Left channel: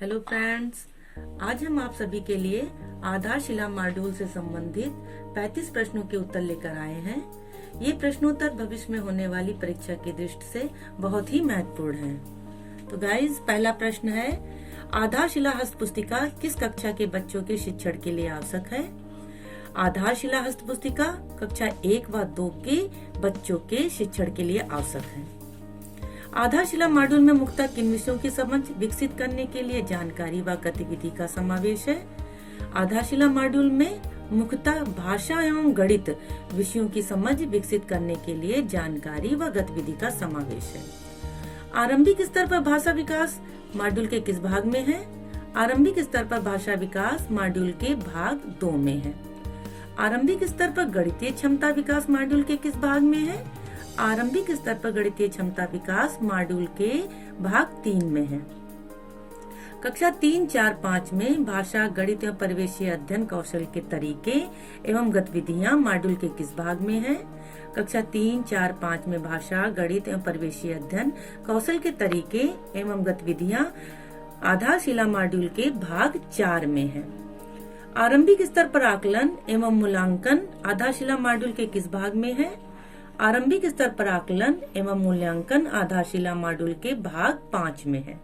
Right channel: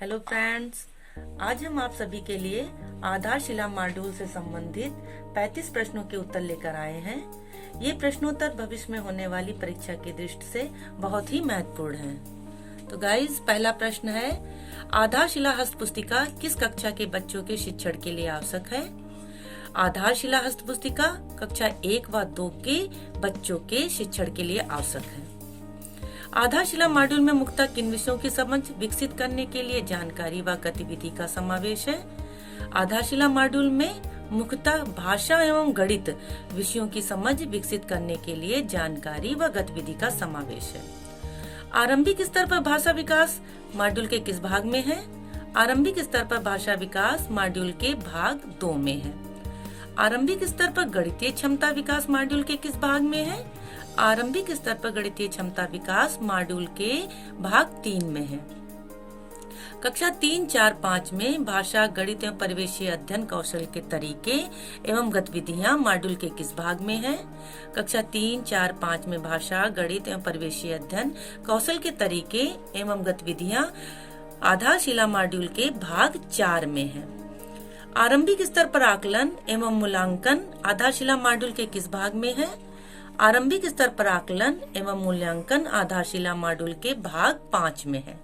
Hello friends, आज हम आप सभी के लिए आधारशिला मॉड्यूल से संबंधित 35 प्रश्नों के उत्तर लेकर आए हैं। ये प्रश्नोत्तर भविष्य में होने वाली परीक्षा की दृष्टि से बहुत ही महत्वपूर्ण हैं। तो गाइज, पहला प्रश्न है, आधारशिला हस्त पुस्तिका किस कक्षा के बच्चों के शिक्षण के लिए आवश्यक है? आधारशिला हस्त पुस्तिका कक्षा 1 व 2 के बच्चों के शिक्षण के लिए आवश्यक है। आधारशिला मॉड्यूल में मुख्यतः किन विषयों की समझ विकसित करने के लिए जानकारी व गतिविधि का समावेश है? आधारशिला मॉड्यूल में मुख्यतः भाषा एवं गणित विषयों की समझ विकसित करने के लिए जानकारी व गतिविधि का समावेश है। आरंभिक स्तर पर भाषा विकास मॉड्यूल के किस भाग में है? आरंभिक स्तर पर भाषा विकास मॉड्यूल के भाग 2 में है। आरंभिक स्तर पर गणितीय क्षमता विकास मॉड्यूल के किस भाग में है? आरंभिक स्तर पर गणितीय क्षमता विकास मॉड्यूल के भाग 3 में है। कक्षा 3, 4, 5 में भाषा, गणित एवं परिवेशीय अध्ययन कौशल के तरीके एवं गतिविधियां मॉड्यूल के किस भाग में है? कक्षा 3, 4, 5 में भाषा, गणित एवं परिवेशीय अध्ययन कौशल के तरीके एवं गतिविधियां आधारशिला मॉड्यूल के भाग 4 में है। आरंभिक स्तर पर आकलन एवं मूल्यांकन आधारशिला मॉड्यूल के किस भाग में है? आरंभिक स्तर पर आकलन एवं मूल्यांकन आधारशिला मॉड्यूल के भाग 5 में है।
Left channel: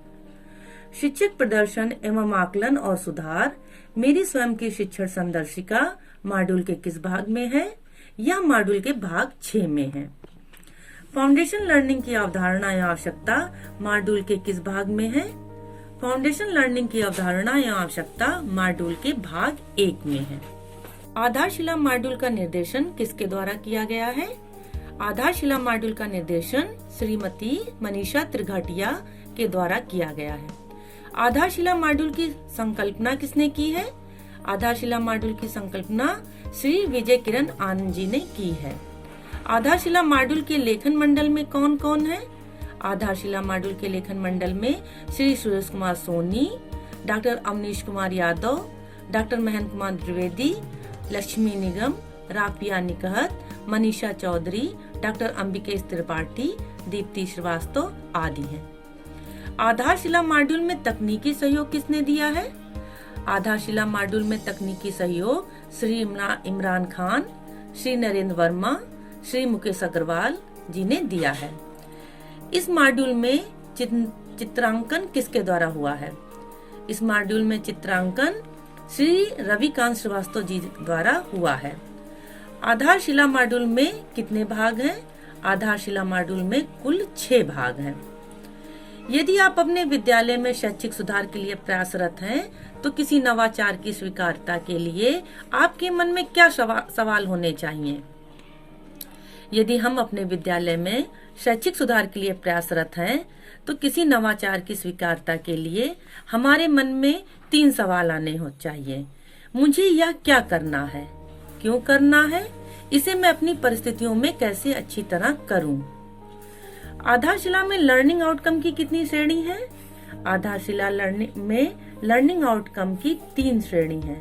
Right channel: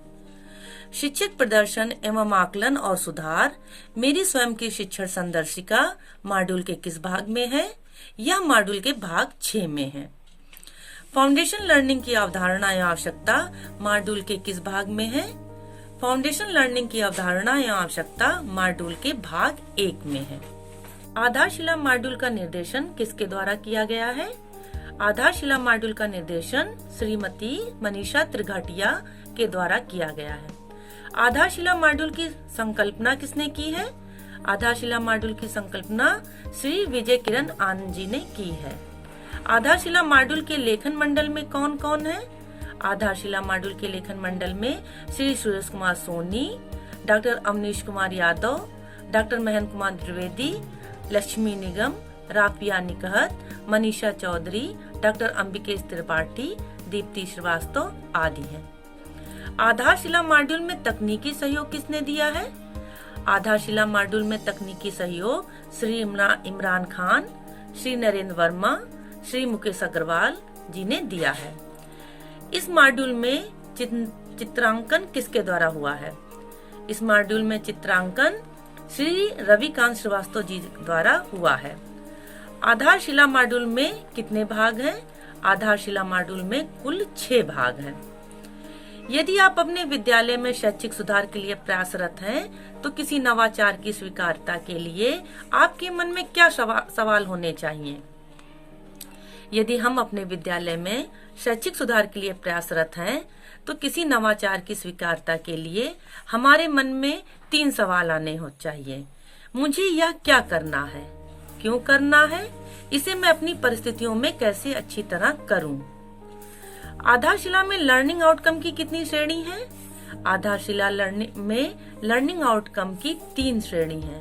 शिक्षक प्रदर्शन एवं आकलन और सुधार मेरी स्वयं की शिक्षण संदर्शिका मॉड्यूल के किस भाग में है? यह मॉड्यूल के भाग 6 में है। फाउंडेशन लर्निंग की अवधारणा एवं आवश्यकता मॉड्यूल के किस भाग में है? फाउंडेशन लर्निंग की अवधारणा एवं आवश्यकता मॉड्यूल के भाग 1 में है। आधारशिला मॉड्यूल का निर्देशन किसके द्वारा किया गया है? आधारशिला मॉड्यूल का निर्देशन श्रीमती मनीषा त्रिघाटिया के द्वारा किया गया है। आधारशिला मॉड्यूल की संकल्पना किसने की है? आधारशिला मॉड्यूल की संकल्पना श्री विजय किरण आनंद जी ने की है। आधारशिला मॉड्यूल के लेखन मंडल में कौन कौन है? आधारशिला मॉड्यूल के लेखन मंडल में श्री सुरेश कुमार सोनी, डॉक्टर अमनीश कुमार यादव, डॉक्टर महेंद्र कुमार द्विवेदी, लक्ष्मी निगम, राफिया निकहत, मनीषा चौधरी, डॉक्टर अंबिकेश त्रिपाठी, दीप्ति श्रीवास्तव आदि हैं। आधारशिला मॉड्यूल में तकनीकी सहयोग किसने दिया है? आधारशिला मॉड्यूल में तकनीकी सहयोग श्री इमरान खान, श्री नरेंद्र वर्मा, श्री मुकेश अग्रवाल जी ने दिया है। इस मॉड्यूल में चित्रांकन किसके द्वारा हुआ है? इस मॉड्यूल में चित्रांकन श्री रविकांत श्रीवास्तव जी द्वारा हुआ है। आधारशिला मॉड्यूल में कितने भाग हैं? आधारशिला मॉड्यूल में कुल 6 भाग हैं। यदि आप अपने विद्यालय में शैक्षिक सुधार के लिए प्रयासरत हैं, तो किसी नवाचार की स्वीकार्यता के लिए आपके मन में क्या सवाल होने चाहिए? यदि हम अपने विद्यालय में शैक्षिक सुधार के लिए प्रयासरत हैं, तो किसी नवाचार की स्वीकार्यता के लिए हमारे मन में 3 सवाल आने हो चाहिए। मुझे यह क्या करना है? क्यों करना है? इसे मैं अपनी परिस्थितियों में कैसे अच्छी तरह करूं? आधारशिला में लर्निंग आउटकम की कितनी श्रेणी है? आधारशिला में लर्निंग आउटकम की 3 श्रेणी है।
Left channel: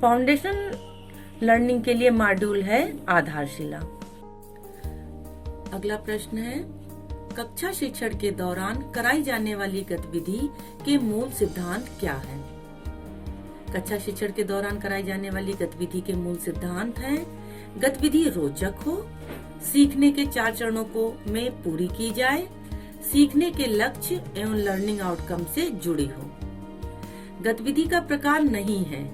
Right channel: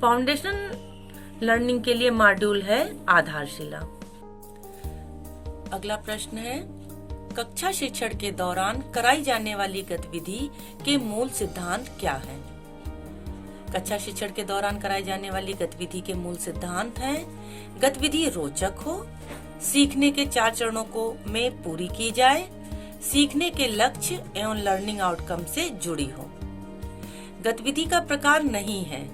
फाउंडेशन लर्निंग के लिए मॉड्यूल है आधारशिला। अगला प्रश्न है, कक्षा शिक्षण के दौरान कराई जाने वाली गतिविधि के मूल सिद्धांत क्या है? कक्षा शिक्षण के दौरान कराई जाने वाली गतिविधि के मूल सिद्धांत हैं: गतिविधि रोचक हो, सीखने के 4 चरणों को में पूरी की जाए, सीखने के लक्ष्य एवं लर्निंग आउटकम से जुड़ी हो। गतिविधि का प्रकार नहीं है।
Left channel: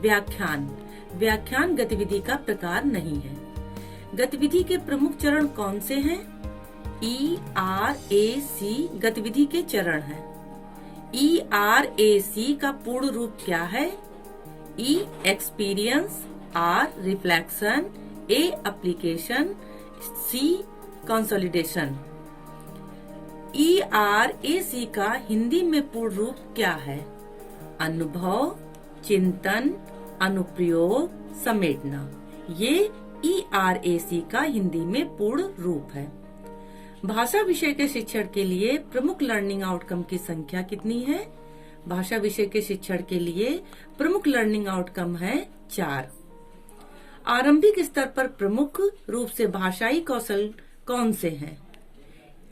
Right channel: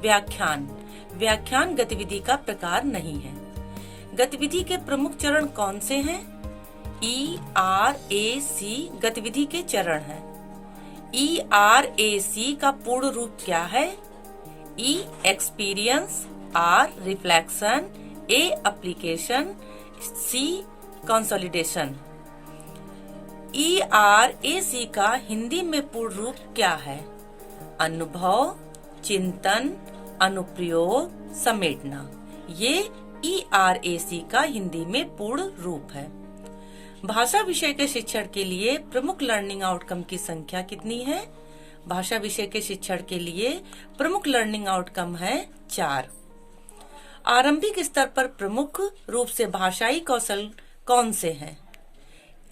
व्याख्यान गतिविधि का प्रकार नहीं है। गतिविधि के प्रमुख चरण कौन से हैं? ERAC गतिविधि के चरण हैं। ERAC का पूर्ण रूप क्या है? E experience, R reflection, A application, C consolidation. ERAC का हिंदी में पूर्ण रूप क्या है? अनुभव, चिंतन, अनुप्रयोग, समेटना। ये ERAC का हिंदी में पूर्ण रूप है। भाषा विषय के शिक्षण के लिए प्रमुख लर्निंग आउटकम की संख्या कितनी है? भाषा विषय के शिक्षण के लिए प्रमुख लर्निंग आउटकम है 4। आरंभिक स्तर पर प्रमुख रूप से भाषाई कौशल कौन से हैं?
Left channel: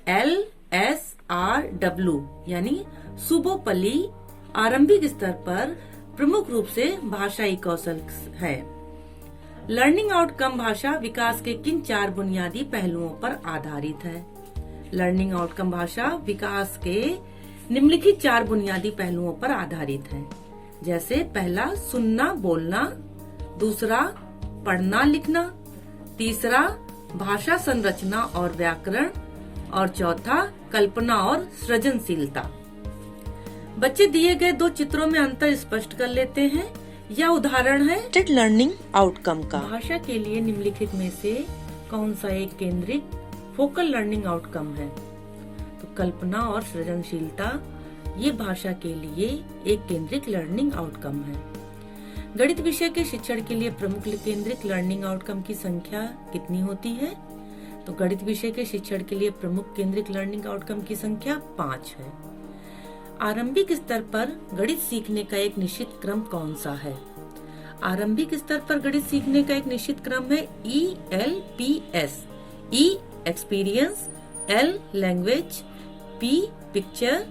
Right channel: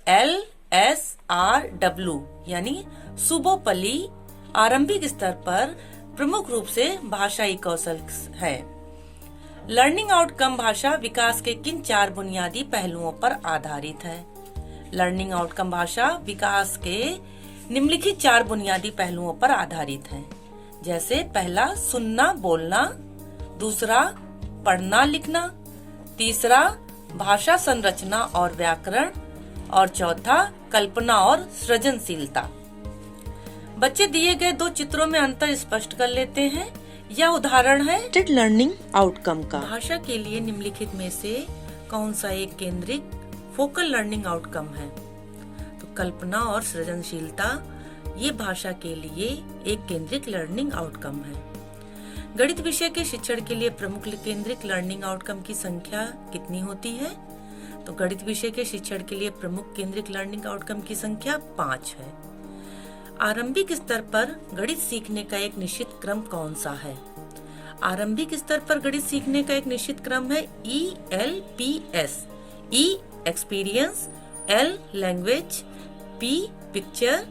L, S, R, W यानी सुबोपली आरंभिक स्तर पर प्रमुख रूप से भाषाई कौशल है। लर्निंग आउटकम भाषा विकास के किन 4 बुनियादी पहलुओं पर आधारित है? लर्निंग आउटकम भाषा विकास के निम्नलिखित 4 बुनियादी पहलुओं पर आधारित है। जैसे पहला सुनना बोलना, दूसरा पढ़ना लिखना, तीसरा भाषा संरचना और व्याकरण, और चौथा कल्पना और सृजनशीलता। बच्चे दिए गए 2 चित्रों में अंतर स्पष्ट कर लेते हैं। यह उदाहरण है लर्निंग आउटकम का। भाषा के लिए निम्नलिखित में से कौन सा एक केंद्रित फोकल लर्निंग आउटकम है? तो कल्पना और सृजनशीलता ये भाषा के लिए एक केंद्रित लर्निंग आउटकम है। गणित विषय के शिक्षण के लिए प्रमुख केंद्रित लर्निंग आउटकम की संख्या कितनी होती है? तो गणित विषय के शिक्षण के लिए प्रमुख केंद्रित लर्निंग आउटकम की संख्या 5 है। आरंभिक स्तर पर गणित सीखने का एक निश्चित क्रम कौन सा है? आरंभिक स्तर पर गणित सीखने का एक निश्चित क्रम है ELPS। E experience, L language, P picture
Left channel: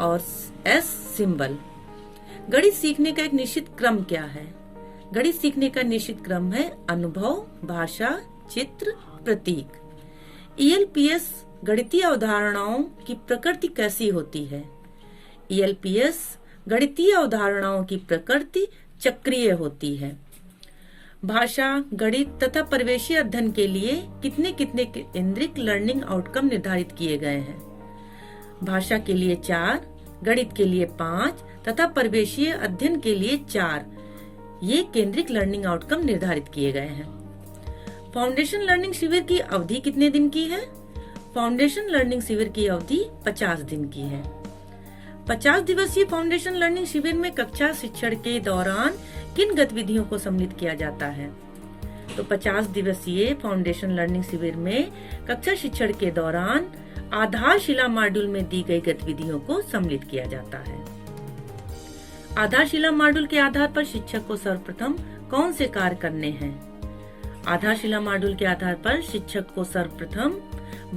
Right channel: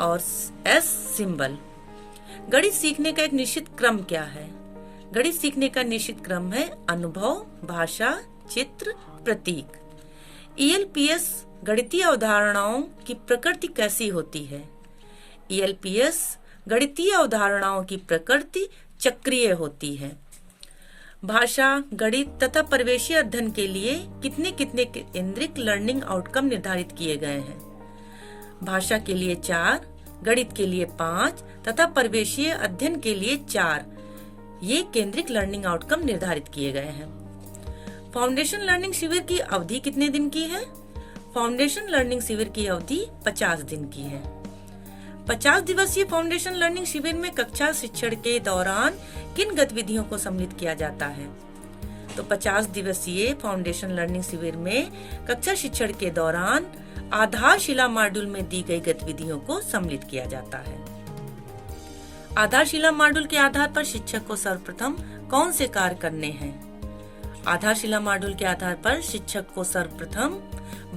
और S सिंबल। गणित सीखने का एक निश्चित क्रम क्या है? गणित सीखने का निश्चित क्रम है अनुभव, भाषा, चित्र, प्रतीक। ELPS गणितीय अवधारणाओं की प्रकृति कैसी होती है? ELPS गणितीय अवधारणाओं की प्रकृति चक्रीय होती है। भाषा, गणित तथा परिवेशीय अध्ययन के लिए कितने केंद्रित लर्निंग आउटकम निर्धारित किए गए हैं? भाषा के लिए 4, गणित के लिए 5 तथा परिवेशीय अध्ययन के लिए 4 ये केंद्रित लर्निंग आउटकम निर्धारित किए गए हैं। फाउंडेशन लर्निंग शिविर की अवधि कितने दिन की है? फाउंडेशन लर्निंग शिविर की अवधि 50 दिन की है। 50 दिवसीय फाउंडेशन लर्निंग शिविर में कक्षा शिक्षण के दौरान किन गतिविधियों को सम्मिलित किया जाता है? तो 50 दिवसीय फाउंडेशन लर्निंग शिविर में कक्षा शिक्षण के दौरान आधारशिला मॉड्यूल में दी गई गतिविधियों को सम्मिलित किया जाता है। आधारशिला मॉड्यूल के आधार पर शिक्षक को सर्वप्रथम कौन से कार्य करने हैं? आधारशिला मॉड्यूल के आधार पर शिक्षक को सर्वप्रथम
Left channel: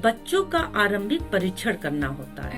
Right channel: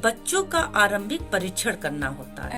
बच्चों का आरंभिक परीक्षण करना होता है।